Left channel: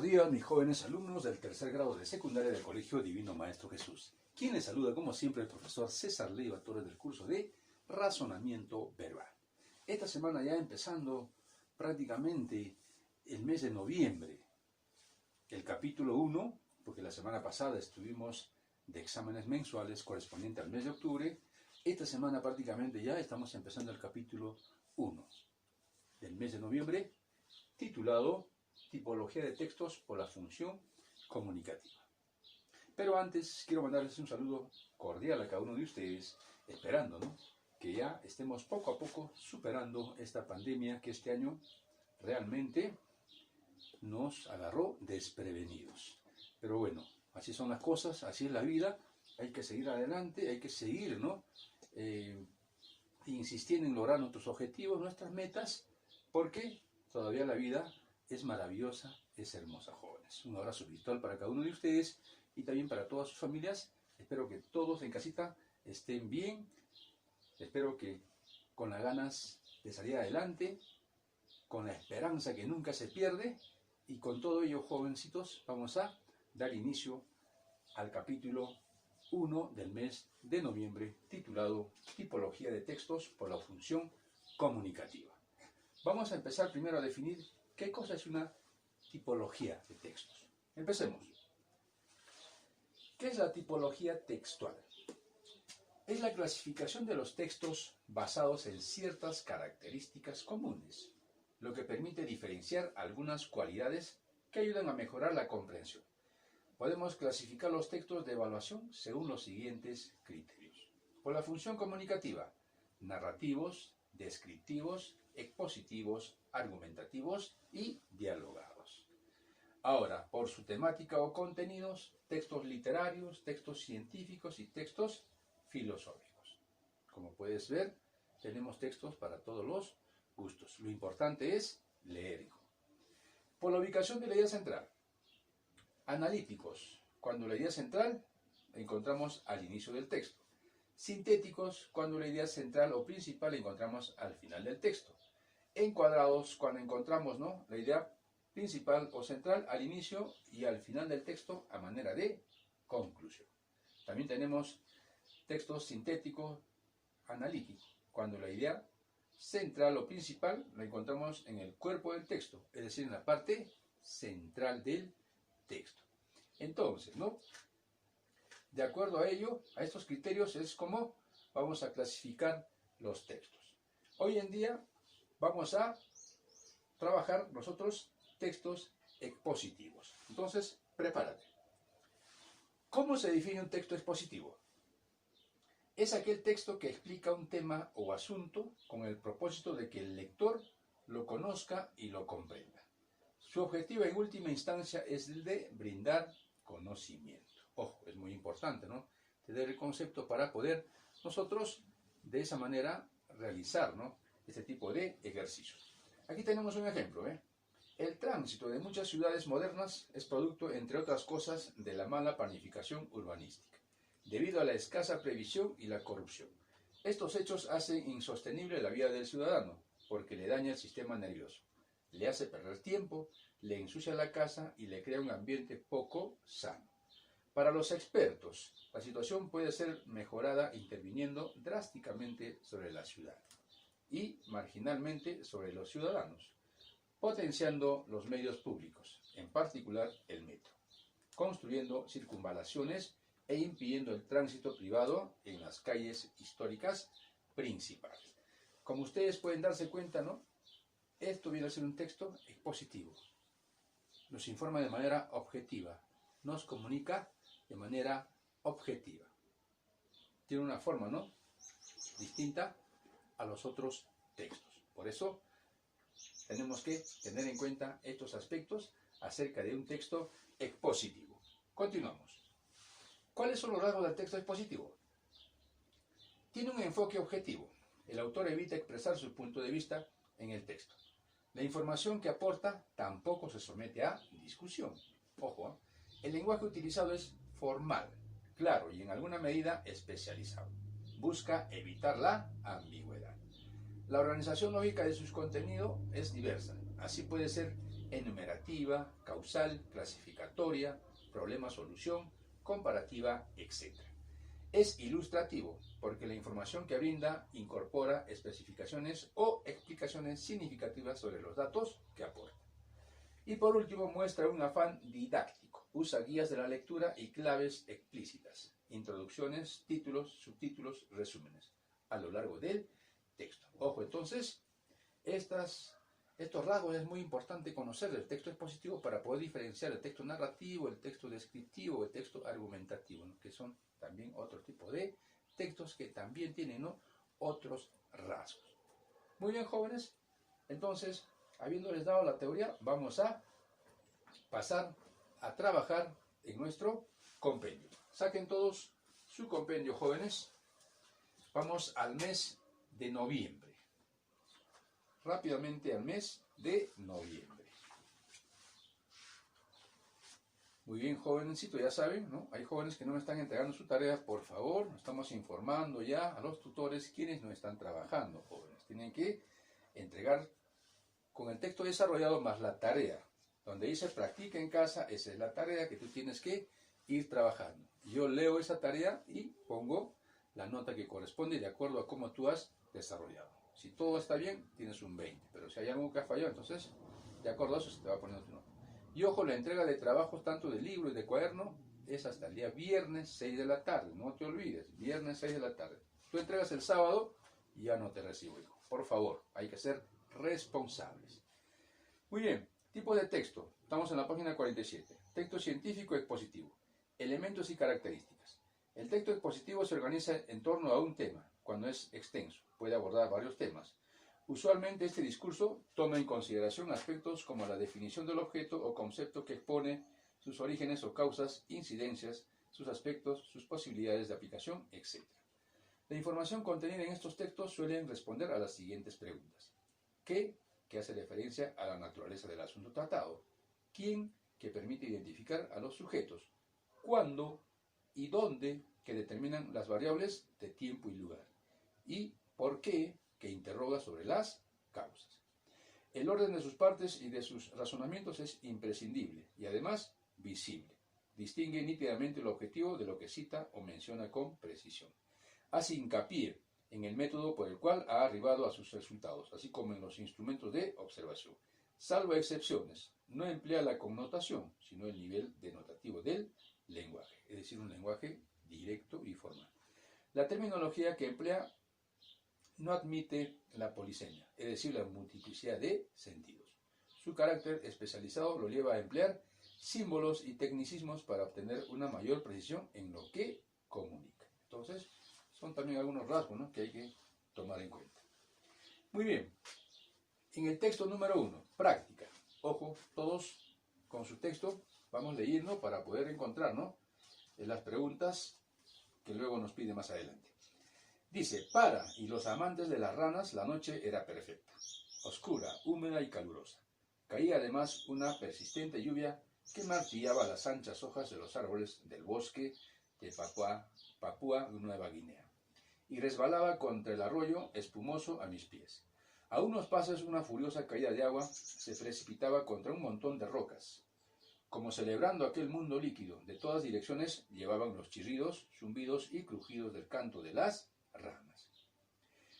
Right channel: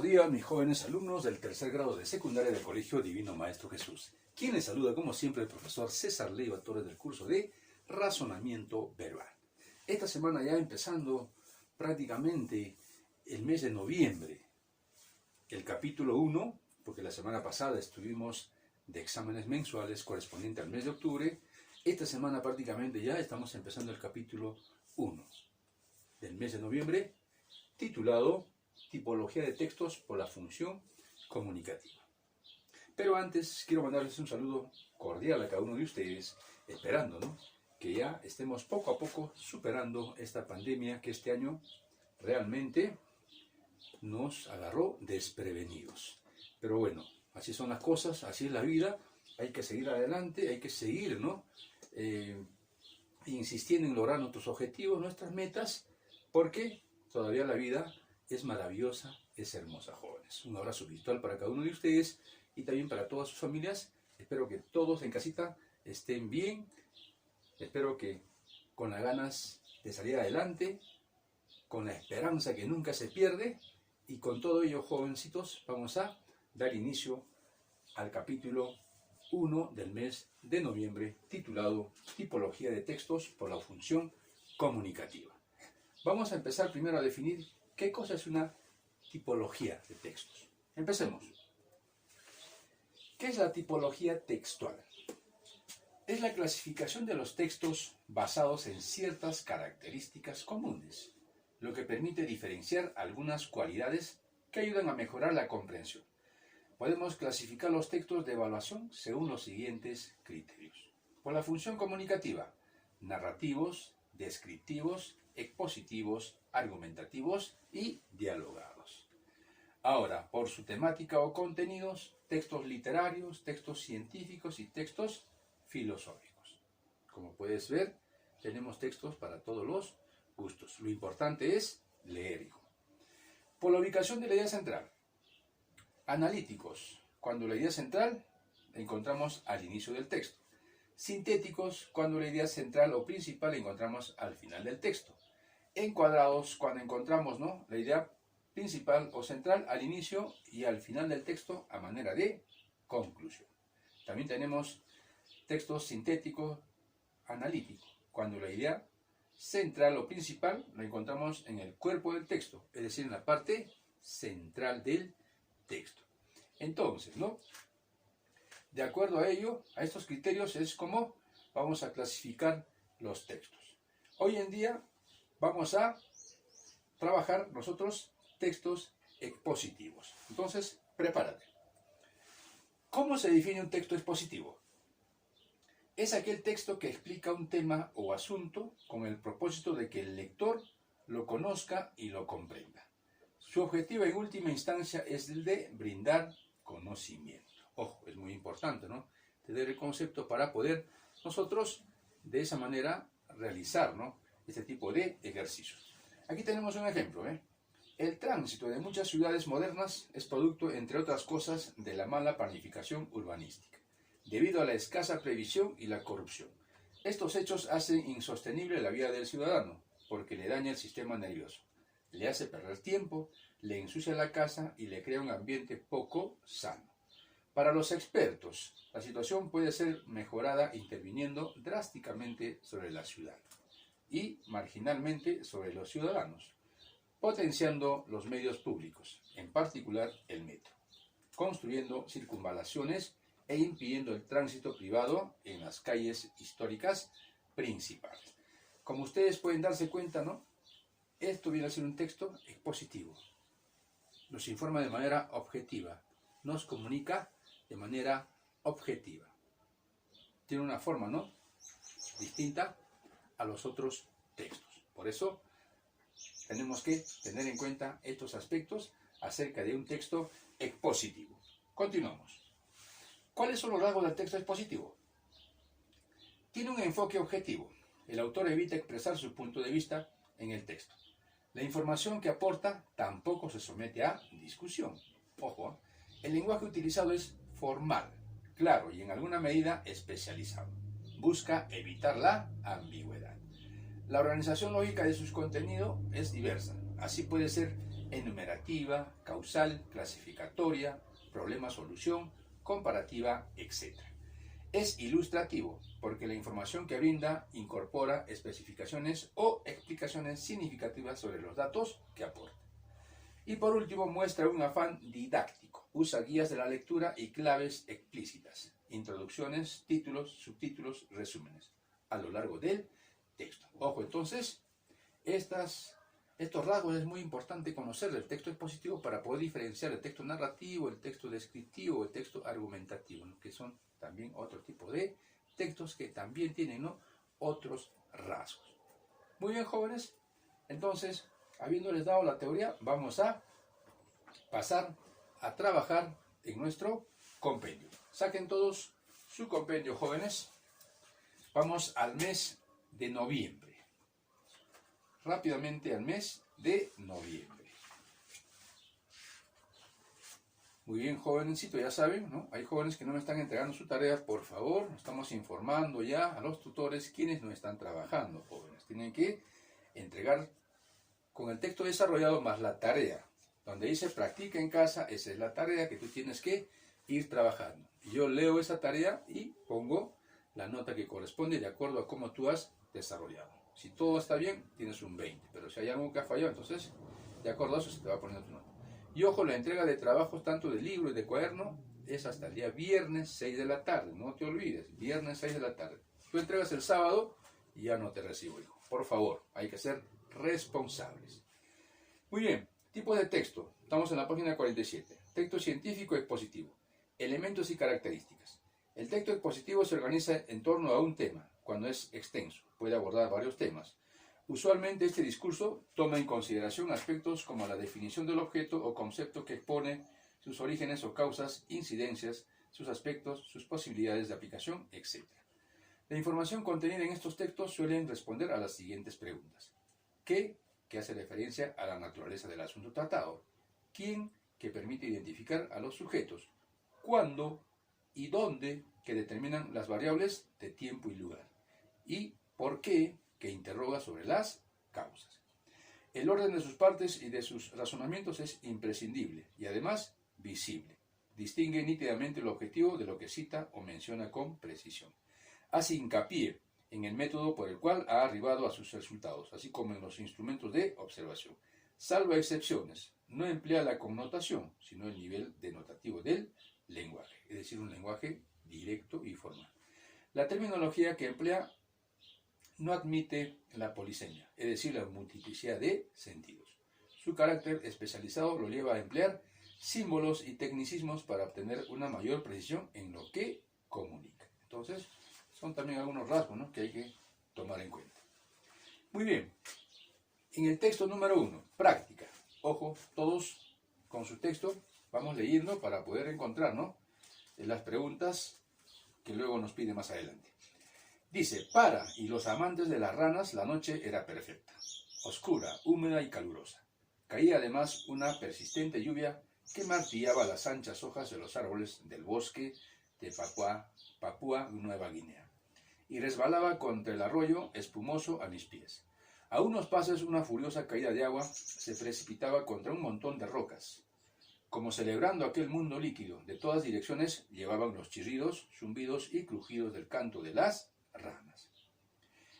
Buenos días, mis jóvenes alumnos del tercer grado de secundaria del Colegio Divino Maestro Jesús. Quien les saluda, como siempre, el profesor César Leiva Torres del curso de Razonamiento Verbal. Esta semana ya empezando prácticamente el mes de noviembre, el capítulo 1, porque la semana pasada estuvimos de exámenes mensuales correspondiente al mes de octubre. Esta semana prácticamente ya estamos empezando el capítulo 1 del mes de noviembre, titulado Tipología de textos por la función comunicativa. Pero antes quiero mandarles un saludo cordial a cada uno de ustedes, esperando, que ya estemos poco a poco superando esta pandemia que este año realmente nos agarró desprevenidos. Pero bueno, así son las cosas, así es la vida, hay que seguir adelante, hay que seguir, insistiendo en lograr nuestros objetivos, nuestras metas, porque todavía la vida es maravillosa, es hermosa, jóvenes. Un abrazo virtual para cada uno de ustedes y también para todas sus familias. Espero que todos en casita estén bien. Espero que con las ganas de salir adelante, con la esperanza que nunca se pierde. Y con todo ello, jovencitos, vamos a dar inicio al capítulo 1 del mes de noviembre, titulado Tipología de textos por la función comunicativa. Vamos a empezar primero a definir qué cosa es una tipología de textos. Empecemos. ¿Qué es la tipología textual? Es la clasificación de los textos basados en ciertas características comunes, lo que permite diferenciar algunas cualidades que ayudan a mejorar la comprensión. Podemos clasificar los textos de evaluación según los siguientes criterios. Por la función comunicativa: narrativos, descriptivos, expositivos, argumentativos y dialogados. Ahora, por su temática o contenidos: textos literarios, textos científicos y textos filosóficos. Como puedes ver, tenemos textos para todos los gustos. Lo importante es leer, hijo. Por la ubicación de la idea central: analíticos, cuando la idea central la encontramos al inicio del texto. Sintéticos, cuando la idea central o principal la encontramos al final del texto. Encuadrados, cuando encontramos la idea principal o central al inicio y al final del texto a manera de conclusión. También tenemos textos sintéticos analíticos, cuando la idea central o principal la encontramos en el cuerpo del texto, es decir, en la parte central del texto. Entonces, de acuerdo a ello, a estos criterios es como vamos a clasificar los textos. Hoy en día vamos a trabajar nosotros textos expositivos. Entonces, prepárate. ¿Cómo se define un texto expositivo? Es aquel texto que explica un tema o asunto con el propósito de que el lector lo conozca y lo comprenda. Su objetivo en última instancia es el de brindar conocimiento. Ojo, es muy importante, tener el concepto para poder nosotros de esa manera realizar, este tipo de ejercicios. Aquí tenemos un ejemplo. El tránsito de muchas ciudades modernas es producto, entre otras cosas, de la mala planificación urbanística, debido a la escasa previsión y la corrupción. Estos hechos hacen insostenible la vida del ciudadano, porque le daña el sistema nervioso, le hace perder tiempo, le ensucia la casa y le crea un ambiente poco sano. Para los expertos, la situación puede ser mejorada interviniendo drásticamente sobre la ciudad y marginalmente sobre los ciudadanos, potenciando los medios públicos, en particular el metro, construyendo circunvalaciones e impidiendo el tránsito privado en las calles históricas principales. Como ustedes pueden darse cuenta, esto viene a ser un texto expositivo. Nos informa de manera objetiva, nos comunica de manera objetiva. Tiene una forma, distinta a los otros textos. Por eso tenemos que tener en cuenta estos aspectos acerca de un texto expositivo. Continuamos. ¿Cuáles son los rasgos del texto expositivo? Tiene un enfoque objetivo. El autor evita expresar su punto de vista en el texto. La información que aporta tampoco se somete a discusión. Ojo, el lenguaje utilizado es formal, claro y en alguna medida especializado. Busca evitar la ambigüedad. La organización lógica de sus contenidos es diversa. Así puede ser enumerativa, causal, clasificatoria, problema-solución, comparativa, etc. Es ilustrativo porque la información que brinda incorpora especificaciones o explicaciones significativas sobre los datos que aporta. Y por último, muestra un afán didáctico. Usa guías de la lectura y claves explícitas, introducciones, títulos, subtítulos, resúmenes, a lo largo del texto. Ojo, entonces, estos rasgos es muy importante conocer del texto expositivo para poder diferenciar el texto narrativo, el texto descriptivo, el texto argumentativo, ¿no? Que son también otro tipo de textos que también tienen, ¿no?, otros rasgos. Muy bien, jóvenes, entonces, habiéndoles dado la teoría, vamos a pasar a trabajar en nuestro compendio. Saquen todos su compendio, jóvenes. Vamos al mes de noviembre. Rápidamente al mes de noviembre. Muy bien, jovencito, ya saben, ¿no? Hay jóvenes que no me están entregando su tarea, por favor. Estamos informando ya a los tutores quienes no están trabajando, jóvenes. Tienen que entregar con el texto desarrollado más la tarea. Donde dice practica en casa, esa es la tarea que tú tienes que ir trabajando. Yo leo esa tarea y pongo la nota que corresponde de acuerdo a cómo tú has desarrollado. Si todo está bien, tienes un 20, pero si hay algo que ha fallado, entonces de acuerdo a eso se te va a poner tu nota. Y ojo, la entrega de trabajos tanto de libro y de cuaderno es hasta el día viernes 6 de la tarde, no te olvides, viernes 6 de la tarde. Tú entregas el sábado y ya no te recibo, hijo. Por favor, hay que ser responsables. Muy bien, tipo de texto. Estamos en la página 47. Texto científico expositivo. Elementos y características. El texto expositivo se organiza en torno a un tema, cuando es extenso. Puede abordar varios temas. Usualmente este discurso toma en consideración aspectos como la definición del objeto o concepto que expone, sus orígenes o causas, incidencias, sus aspectos, sus posibilidades de aplicación, etc. La información contenida en estos textos suelen responder a las siguientes preguntas. ¿Qué? Que hace referencia a la naturaleza del asunto tratado. ¿Quién? Que permite identificar a los sujetos. ¿Cuándo? Y dónde, que determinan las variables de tiempo y lugar. Y ¿por qué? Que interroga sobre las causas. El orden de sus partes y de sus razonamientos es imprescindible y además visible. Distingue nítidamente el objetivo de lo que cita o menciona con precisión. Hace hincapié en el método por el cual ha arribado a sus resultados, así como en los instrumentos de observación. Salvo excepciones, no emplea la connotación, sino el nivel denotativo del lenguaje, es decir, un lenguaje directo y formal. La terminología que emplea no admite la polisemia, es decir, la multiplicidad de sentidos. Su carácter especializado lo lleva a emplear símbolos y tecnicismos para obtener una mayor precisión en lo que comunica. Entonces, son también algunos rasgos, ¿no?, que hay que tomar en cuenta. Muy bien, en el texto número 1, práctica. Ojo, todos con su texto vamos leyendo para poder encontrar, ¿no?, las preguntas que luego nos pide más adelante. Dice, para y los amantes de las ranas la noche era perfecta, oscura, húmeda y calurosa. Caía además una persistente lluvia que martillaba las anchas hojas de los árboles del bosque de Papúa Nueva Guinea y resbalaba contra el arroyo espumoso a mis pies. A unos pasos una furiosa caída de agua se precipitaba contra un montón de rocas. Como celebrando aquel mundo líquido, de todas direcciones llevaban los chirridos, zumbidos y crujidos del canto de las ranas.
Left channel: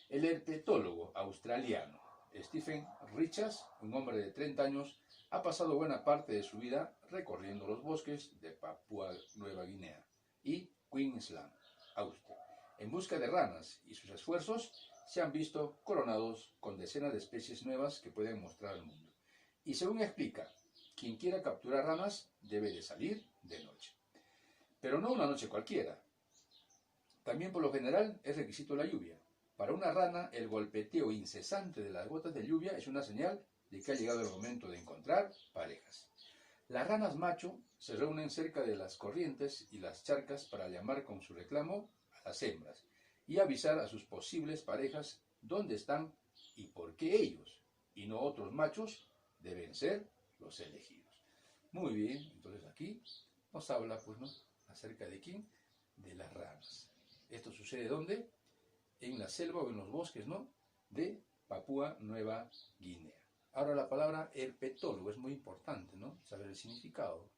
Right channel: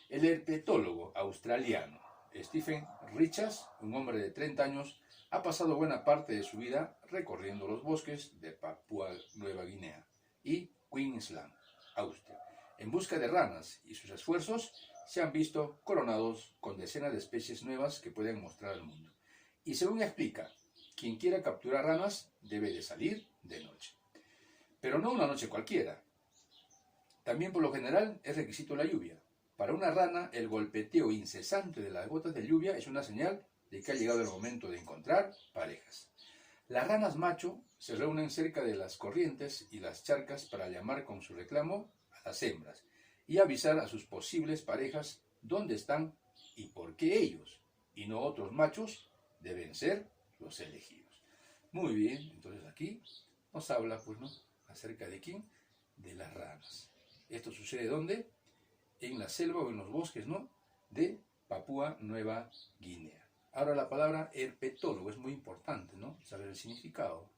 El herpetólogo australiano Stephen Richards, un hombre de 30 años, ha pasado buena parte de su vida recorriendo los bosques de Papúa Nueva Guinea y Queensland, Austria, en busca de ranas, y sus esfuerzos se han visto coronados con decenas de especies nuevas que pueden mostrar al mundo. Y según explica, quien quiera capturar ranas debe de salir de noche. Pero no una noche cualquiera. También por lo general es requisito la lluvia. Para una rana, el golpeteo incesante de las gotas de lluvia es una señal de que ha llegado el momento de encontrar parejas. Las ranas macho se reúnen cerca de las corrientes y las charcas para llamar con su reclamo a las hembras y avisar a sus posibles parejas dónde están y por qué ellos, y no otros machos, deben ser los elegidos. Muy bien, entonces aquí nos habla, pues, ¿no?, acerca de quién, de las ranas. ¿Esto sucede dónde? En la selva o en los bosques, ¿no?, de Papúa Nueva Guinea. Ahora la palabra herpetólogo es muy importante, ¿no? Saber el significado.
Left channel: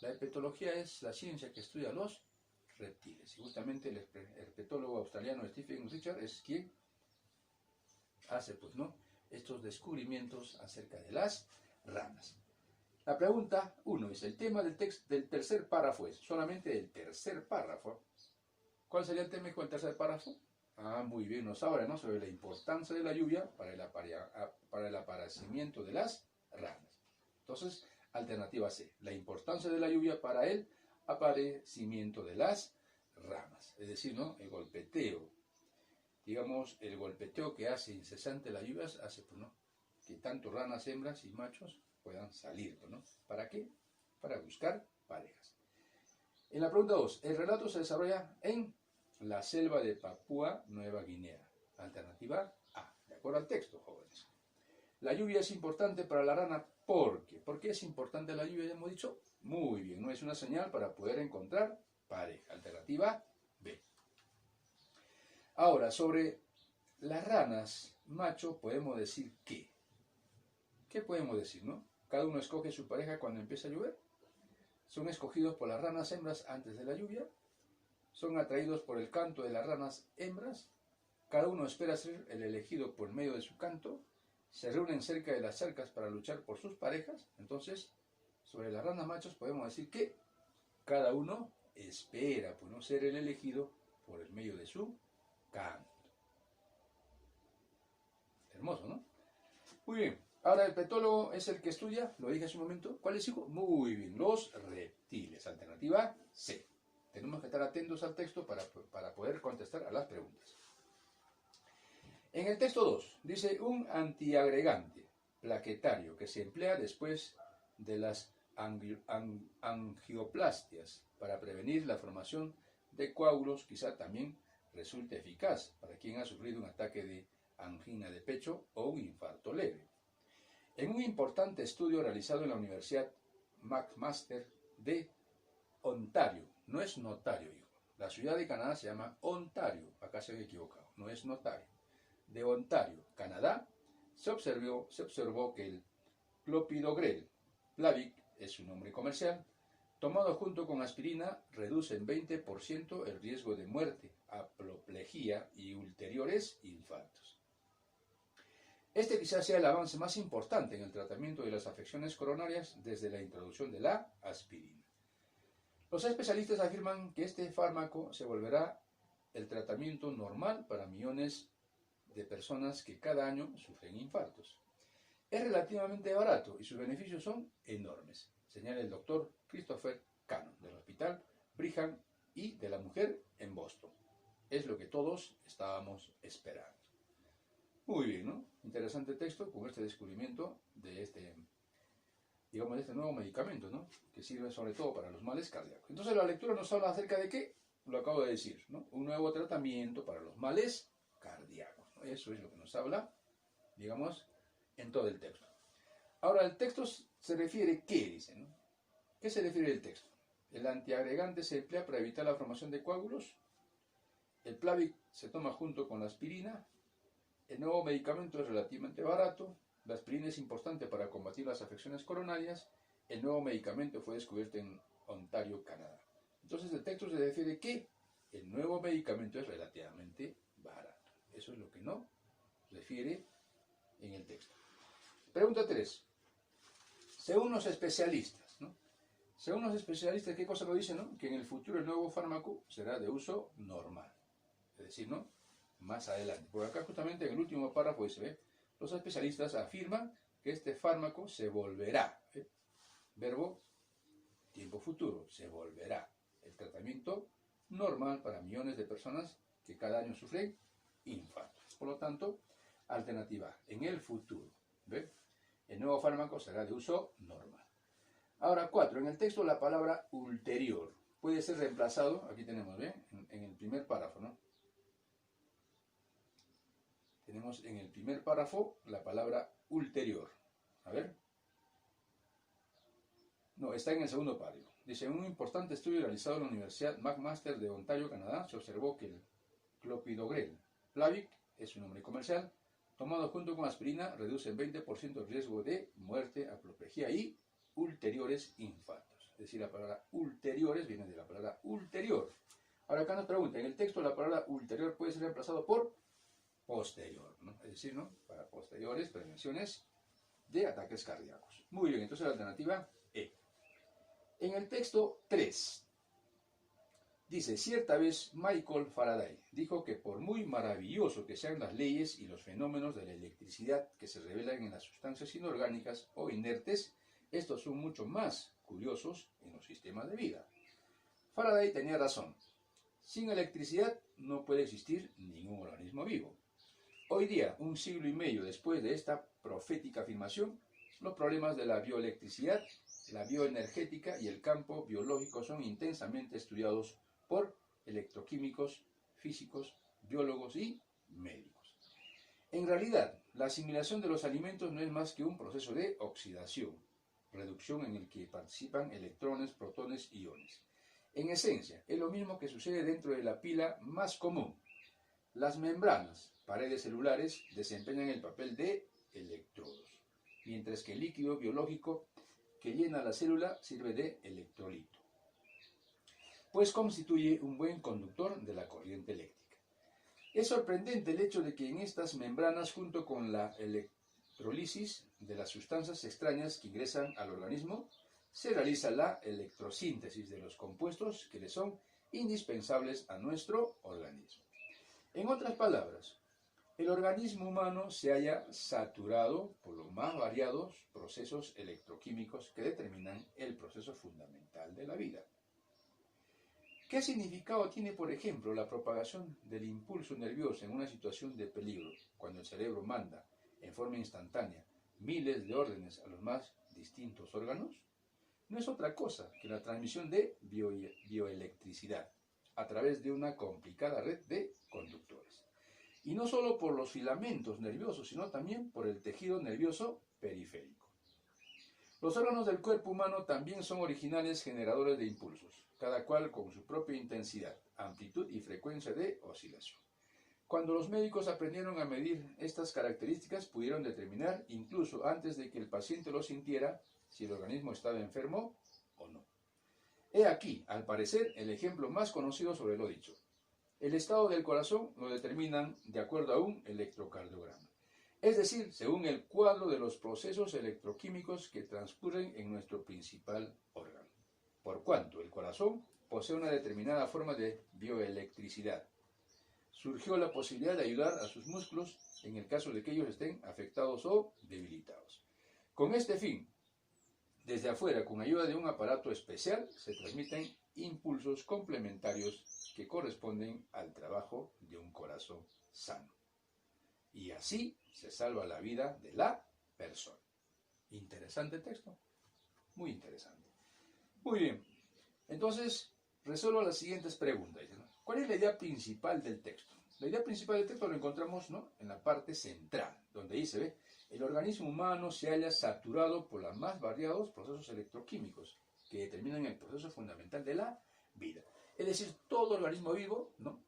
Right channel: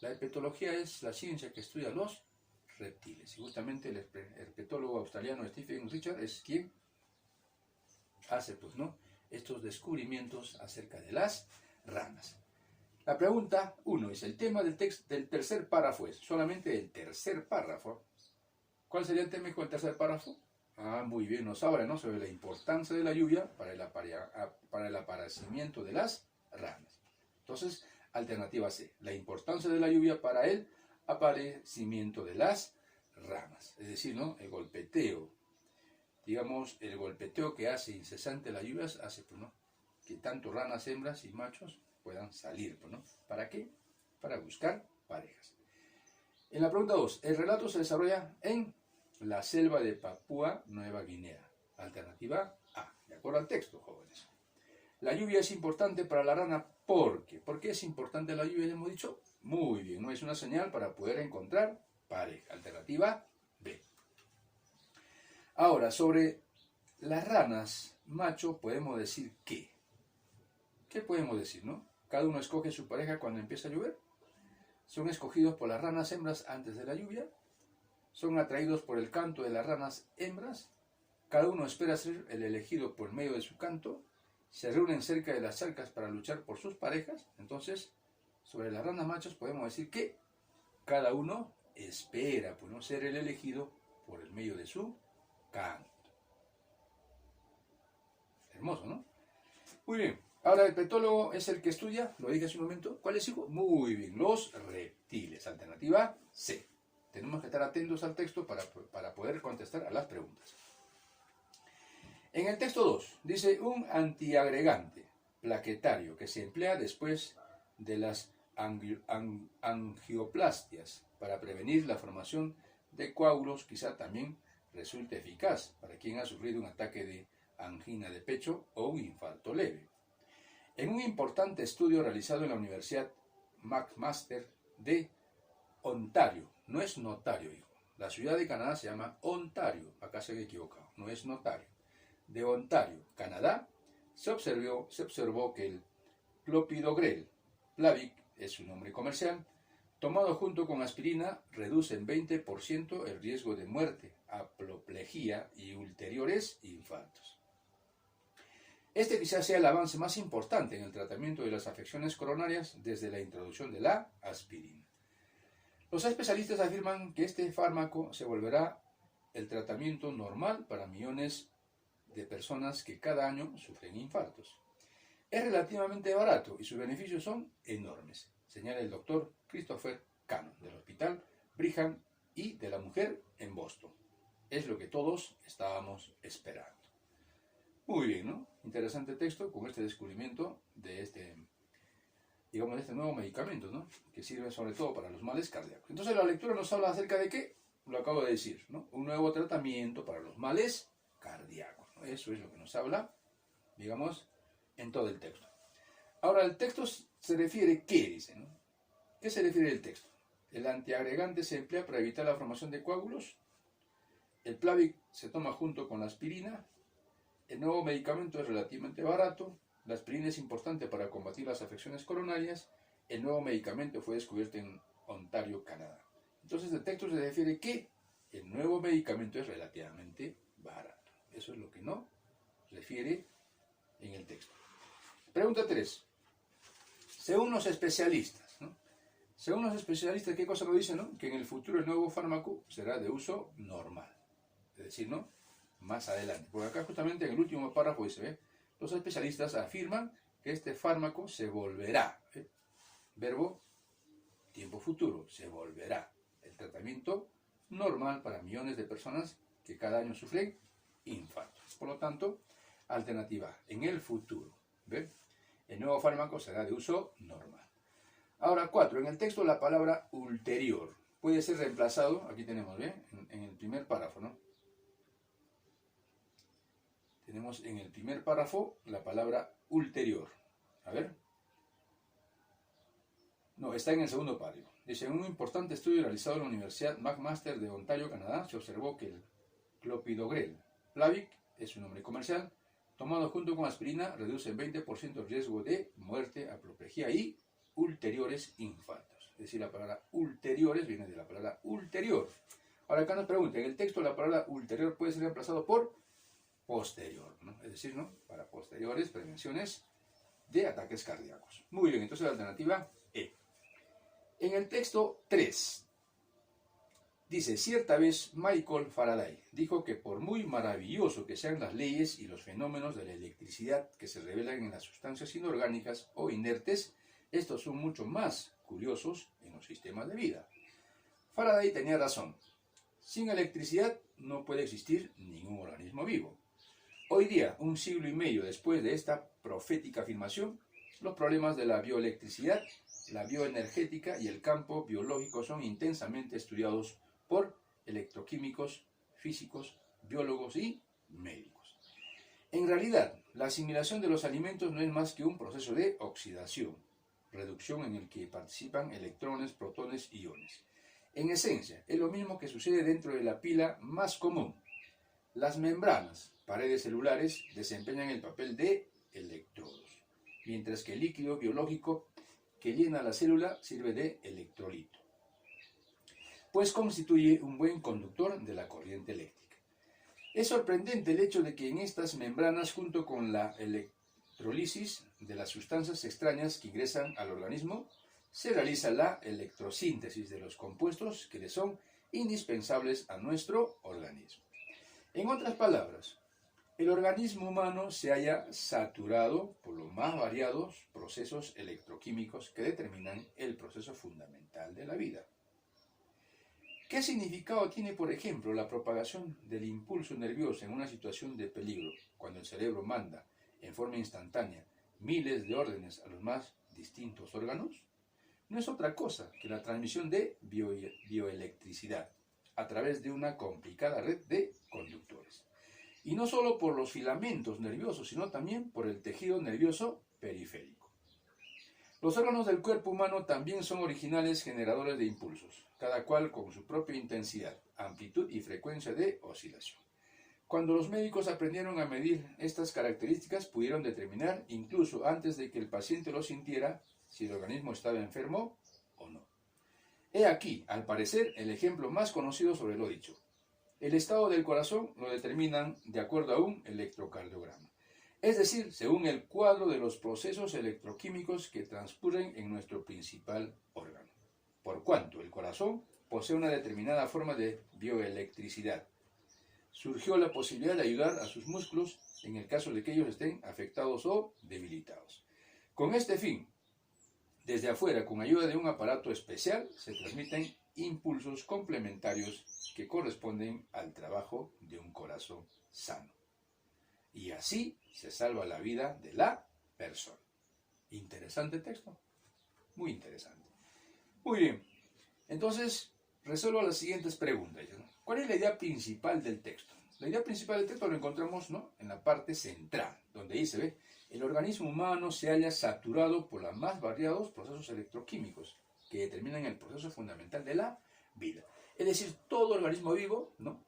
La herpetología es la ciencia que estudia los reptiles. Y justamente el herpetólogo australiano Stephen Richard es quien hace, pues, ¿no?, estos descubrimientos acerca de las ranas. La pregunta 1 es el tema del tercer párrafo, es solamente el tercer párrafo. ¿Cuál sería el tema con el tercer párrafo? Muy bien, nos habla, ¿no?, sobre la importancia de la lluvia para el aparecimiento de las ranas. Entonces, alternativa C, la importancia de la lluvia para el aparecimiento de las ranas. Es decir, ¿no?, el golpeteo, digamos, el golpeteo que hace incesante las lluvias hace, pues, ¿no?, que tanto ranas, hembras y machos puedan salir, pues, ¿no? ¿Para qué? Para buscar parejas. En la pregunta 2, el relato se desarrolla en la selva de Papúa Nueva Guinea. Alternativa A, de acuerdo al texto, jóvenes. La lluvia es importante para la rana porque. ¿Por qué es importante la lluvia? Ya hemos dicho. Muy bien, no es una señal para poder encontrar pareja. Alternativa B. Ahora, sobre las ranas macho podemos decir ¿qué? ¿Qué podemos decir, no? Cada uno escoge su pareja cuando empieza a llover. Son escogidos por las ranas hembras antes de la lluvia. Son atraídos por el canto de las ranas hembras. Cada uno espera ser el elegido por medio de su canto. Se reúnen cerca de las charcas para luchar por sus parejas. Entonces, sobre las ranas machos podemos decir que cada uno espera, pues, no, ser el elegido por el medio de su canto. Hermoso, ¿no? Muy bien. Ahora el herpetólogo es el que estudia, lo dije hace un momento. ¿Cuál es, hijo? Muy bien, los reptiles. Alternativa C. Tenemos que estar atentos al texto para poder contestar a las preguntas. En el texto 2 dice un antiagregante plaquetario que se emplea después de las angioplastias para prevenir la formación de coágulos, quizá también resulte eficaz para quien ha sufrido un ataque de angina de pecho o un infarto leve. En un importante estudio realizado en la Universidad McMaster de Ontario, no es notario, hijo. La ciudad de Canadá se llama Ontario, acá se han equivocado, no es notario. De Ontario, Canadá, se observó que el clopidogrel, Plavix es su nombre comercial, tomado junto con aspirina, reduce en 20% el riesgo de muerte, apoplejía y ulteriores infartos. Este quizás sea el avance más importante en el tratamiento de las afecciones coronarias desde la introducción de la aspirina. Los especialistas afirman que este fármaco se volverá el tratamiento normal para millones de personas que cada año sufren infartos. Es relativamente barato y sus beneficios son enormes, señala el doctor Christopher Cannon del Hospital Brigham y de la Mujer en Boston. Es lo que todos estábamos esperando. Muy bien, ¿no? Interesante texto con este descubrimiento de este nuevo medicamento, ¿no?, que sirve sobre todo para los males cardíacos. Entonces la lectura nos habla acerca de qué, lo acabo de decir, ¿no?, un nuevo tratamiento para los males cardíacos, ¿no? Eso es lo que nos habla, digamos, en todo el texto. Ahora, el texto se refiere, ¿qué dice, no? ¿Qué se refiere el texto? El antiagregante se emplea para evitar la formación de coágulos. El Plavix se toma junto con la aspirina. El nuevo medicamento es relativamente barato. La aspirina es importante para combatir las afecciones coronarias. El nuevo medicamento fue descubierto en Ontario, Canadá. Entonces el texto se refiere que el nuevo medicamento es relativamente barato. Eso es lo que no refiere en el texto. Pregunta 3. Según los especialistas, ¿no? Según los especialistas, ¿qué cosa nos dicen, no? Que en el futuro el nuevo fármaco será de uso normal. Es decir, ¿no?, más adelante. Por acá justamente en el último párrafo dice, los especialistas afirman que este fármaco se volverá, verbo tiempo futuro, se volverá el tratamiento normal para millones de personas que cada año sufren infartos. Por lo tanto, alternativa A, en el futuro, ¿ve?, el nuevo fármaco será de uso normal. Ahora 4, en el texto la palabra ulterior puede ser reemplazado, aquí tenemos, ¿ve?, en el primer párrafo, ¿no? Tenemos en el primer párrafo la palabra ulterior. A ver. No, está en el segundo párrafo. Dice, en un importante estudio realizado en la Universidad McMaster de Ontario, Canadá, se observó que el clopidogrel, Plavix es su nombre comercial, tomado junto con aspirina, reduce en 20% el riesgo de muerte, apoplejía y ulteriores infartos. Es decir, la palabra ulteriores viene de la palabra ulterior. Ahora acá nos pregunta, en el texto la palabra ulterior puede ser reemplazado por posterior, ¿no? Es decir, ¿no? Para posteriores prevenciones de ataques cardíacos. Muy bien, entonces la alternativa E. En el texto 3, dice, cierta vez Michael Faraday dijo que por muy maravilloso que sean las leyes y los fenómenos de la electricidad que se revelan en las sustancias inorgánicas o inertes, estos son mucho más curiosos en los sistemas de vida. Faraday tenía razón. Sin electricidad no puede existir ningún organismo vivo. Hoy día, un siglo y medio después de esta profética afirmación, los problemas de la bioelectricidad, la bioenergética y el campo biológico son intensamente estudiados por electroquímicos, físicos, biólogos y médicos. En realidad, la asimilación de los alimentos no es más que un proceso de oxidación, reducción en el que participan electrones, protones y iones. En esencia, es lo mismo que sucede dentro de la pila más común. Las membranas, paredes celulares, desempeñan el papel de electrodos, mientras que el líquido biológico que llena la célula sirve de electrolito, pues constituye un buen conductor de la corriente eléctrica. Es sorprendente el hecho de que en estas membranas, junto con la electrólisis de las sustancias extrañas que ingresan al organismo, se realiza la electrosíntesis de los compuestos que le son indispensables a nuestro organismo. En otras palabras, el organismo humano se halla saturado por los más variados procesos electroquímicos que determinan el proceso fundamental de la vida. ¿Qué significado tiene, por ejemplo, la propagación del impulso nervioso en una situación de peligro, cuando el cerebro manda, en forma instantánea, miles de órdenes a los más distintos órganos? No es otra cosa que la transmisión de bioelectricidad a través de una complicada red de conductores. Y no solo por los filamentos nerviosos, sino también por el tejido nervioso periférico. Los órganos del cuerpo humano también son originales generadores de impulsos, cada cual con su propia intensidad, amplitud y frecuencia de oscilación. Cuando los médicos aprendieron a medir estas características, pudieron determinar, incluso antes de que el paciente lo sintiera, si el organismo estaba enfermo o no. He aquí, al parecer, el ejemplo más conocido sobre lo dicho. El estado del corazón lo determinan de acuerdo a un electrocardiograma, es decir, según el cuadro de los procesos electroquímicos que transcurren en nuestro principal órgano, por cuanto el corazón posee una determinada forma de bioelectricidad. Surgió la posibilidad de ayudar a sus músculos en el caso de que ellos estén afectados o debilitados. Con este fin, desde afuera, con ayuda de un aparato especial, se transmiten impulsos complementarios que corresponden al trabajo de un corazón sano. Y así se salva la vida de la persona. Interesante texto. Muy interesante. Muy bien. Entonces, resuelvo las siguientes preguntas. ¿Cuál es la idea principal del texto? La idea principal del texto lo encontramos, ¿no?, en la parte central, donde dice, ¿ve? El organismo humano se halla saturado por los más variados procesos electroquímicos que determinan el proceso fundamental de la vida. Es decir, todo organismo vivo, ¿no?,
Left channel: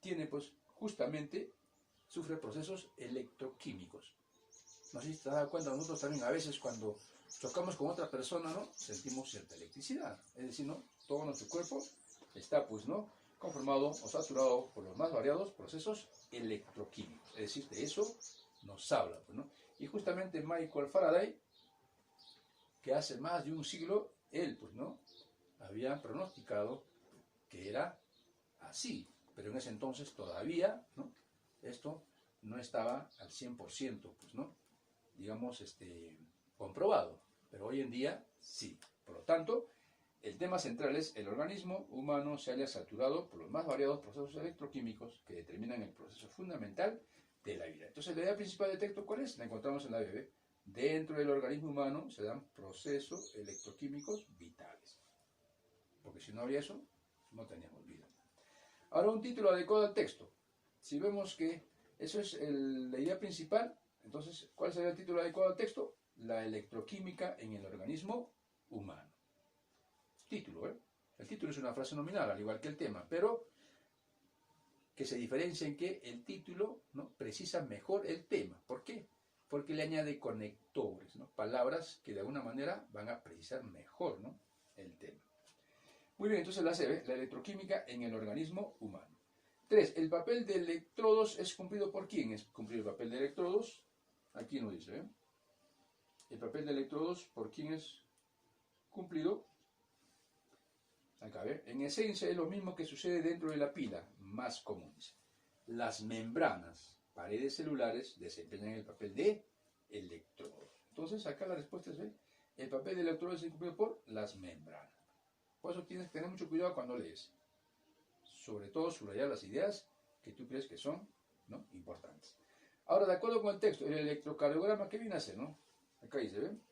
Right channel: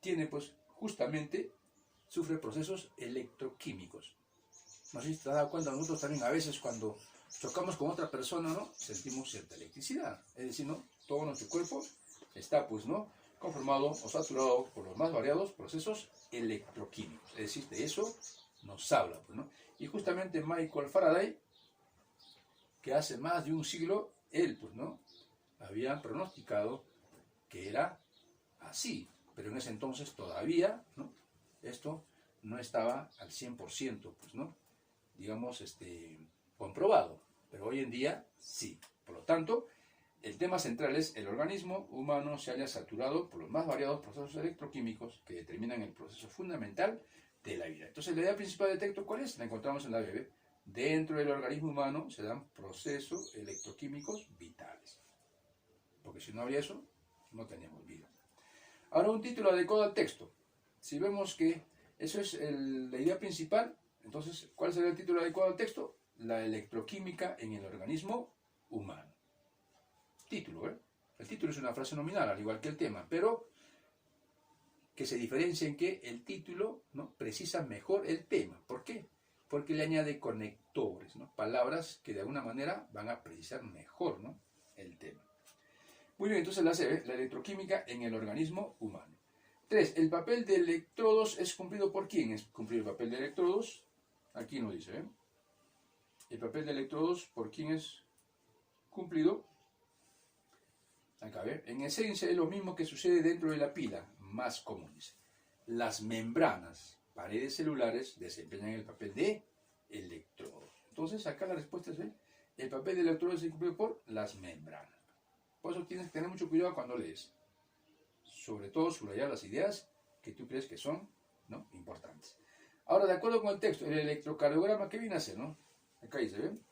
tiene, pues, justamente, sufre procesos electroquímicos. No sé si te has dado cuenta, nosotros también a veces cuando chocamos con otra persona, ¿no?, sentimos cierta electricidad. Es decir, ¿no?, todo nuestro cuerpo está, pues, ¿no?, conformado o saturado por los más variados procesos electroquímicos. Es decir, de eso nos habla, pues, ¿no? Y justamente Michael Faraday, que hace más de un siglo, él, pues, ¿no?, había pronosticado que era así, pero en ese entonces todavía, ¿no?, esto no estaba al 100%, pues, ¿no?, digamos, comprobado, pero hoy en día sí. Por lo tanto, el tema central es: el organismo humano se halla saturado por los más variados procesos electroquímicos que determinan el proceso fundamental de la vida. Entonces, la idea principal del texto, ¿cuál es? La encontramos en la BB. Dentro del organismo humano se dan procesos electroquímicos vitales. Porque si no había eso, no teníamos vida. Ahora, un título adecuado al texto. Si vemos que eso es la idea principal, entonces, ¿cuál será el título adecuado al texto? La electroquímica en el organismo humano. Título, ¿eh? El título es una frase nominal, al igual que el tema, pero que se diferencia en que el título, ¿no?, precisa mejor el tema. ¿Por qué? Porque le añade conectores, ¿no?, palabras que de alguna manera van a precisar mejor, ¿no?, el tema. Muy bien, entonces la C, ¿ve?, la electroquímica en el organismo humano. 3. El papel de electrodos es cumplido por quién. Es cumplir el papel de electrodos. Aquí nos dice, ¿eh? El papel de electrodos, ¿por quién es cumplido? Acá, ¿ve? En esencia es lo mismo que sucede dentro de la pila, más común, dice. Las membranas, paredes celulares, desempeñan el papel de electrodos. Entonces, acá la respuesta es, ¿ve?, el papel de electrodos es cumplido por las membranas. Por eso tienes que tener mucho cuidado cuando lees. Sobre todo subrayar las ideas que tú crees que son, ¿no?, importantes. Ahora, de acuerdo con el texto, el electrocardiograma, ¿qué viene a hacer, no? Acá dice, ¿ven?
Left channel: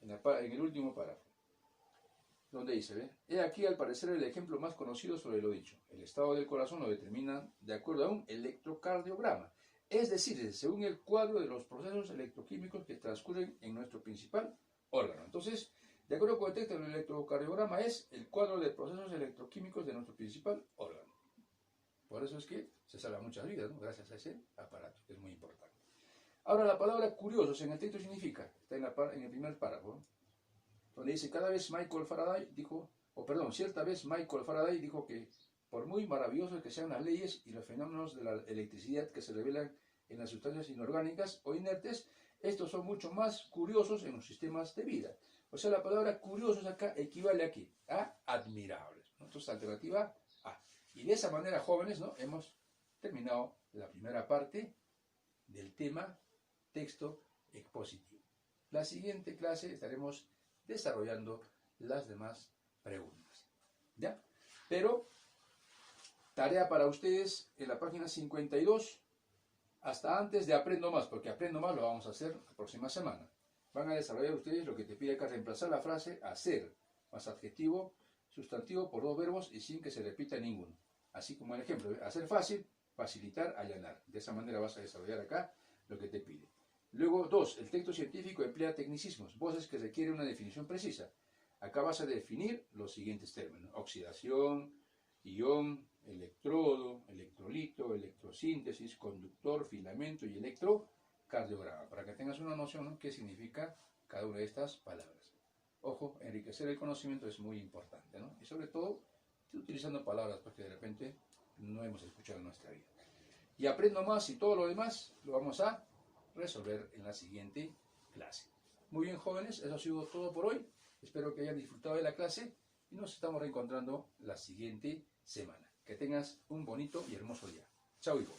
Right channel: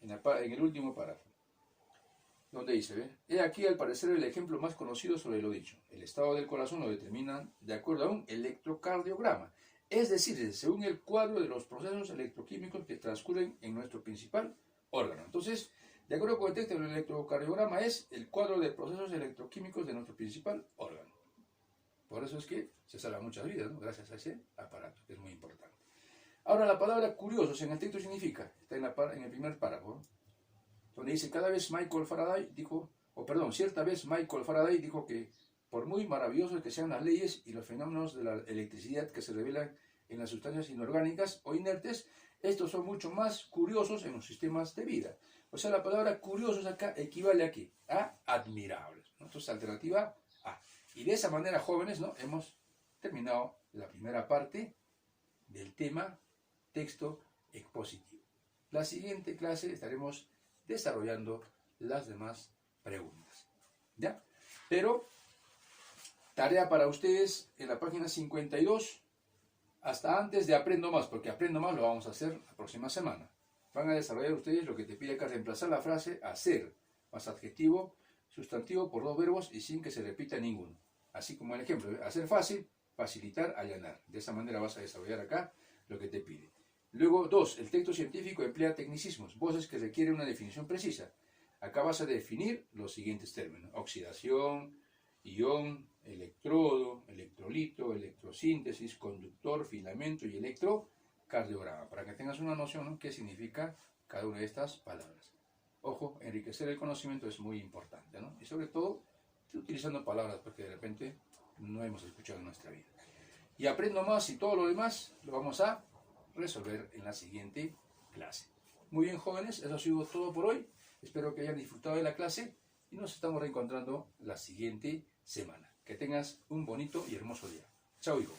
En el último párrafo, donde dice, ¿ven? He aquí, al parecer, el ejemplo más conocido sobre lo dicho. El estado del corazón lo determinan de acuerdo a un electrocardiograma. Es decir, según el cuadro de los procesos electroquímicos que transcurren en nuestro principal órgano. Entonces, de acuerdo con el texto, el electrocardiograma es el cuadro de procesos electroquímicos de nuestro principal órgano. Por eso es que se salvan muchas vidas, ¿no?, gracias a ese aparato, que es muy importante. Ahora, la palabra curiosos en el texto significa, está en el primer párrafo, donde dice, cierta vez Michael Faraday dijo que por muy maravillosos que sean las leyes y los fenómenos de la electricidad que se revelan en las sustancias inorgánicas o inertes, estos son mucho más curiosos en los sistemas de vida. O sea, la palabra curiosos acá equivale a ¿qué? A admirables, ¿no? Entonces, alternativa A. Y de esa manera, jóvenes, ¿no?, hemos terminado la primera parte del tema texto expositivo. La siguiente clase estaremos desarrollando las demás preguntas, ¿ya? Pero, tarea para ustedes en la página 52, hasta antes de Aprendo Más, porque Aprendo Más lo vamos a hacer la próxima semana. Van a desarrollar ustedes lo que te pide acá, reemplazar la frase hacer, más adjetivo, sustantivo por dos verbos y sin que se repita ninguno. Así como el ejemplo, hacer fácil, facilitar, allanar. De esa manera vas a desarrollar acá lo que te pide. Luego, 2. El texto científico emplea tecnicismos, voces que requieren una definición precisa. Acá vas a definir los siguientes términos: oxidación, ion, electrodo, electrolito, electrosíntesis, conductor, filamento y electrocardiograma, para que tengas una noción, ¿no?, qué significa cada una de estas palabras. Ojo, enriquecer el conocimiento es muy importante, ¿no? Y sobre todo, utilizando palabras porque de repente no hemos escuchado en nuestra vida. Y Aprendo Más y todo lo demás lo vamos a resolver en la siguiente clase. Muy bien, jóvenes, eso ha sido todo por hoy. Espero que hayan disfrutado de la clase y nos estamos reencontrando la siguiente semana. Que tengas un bonito y hermoso día. Chao, hijo.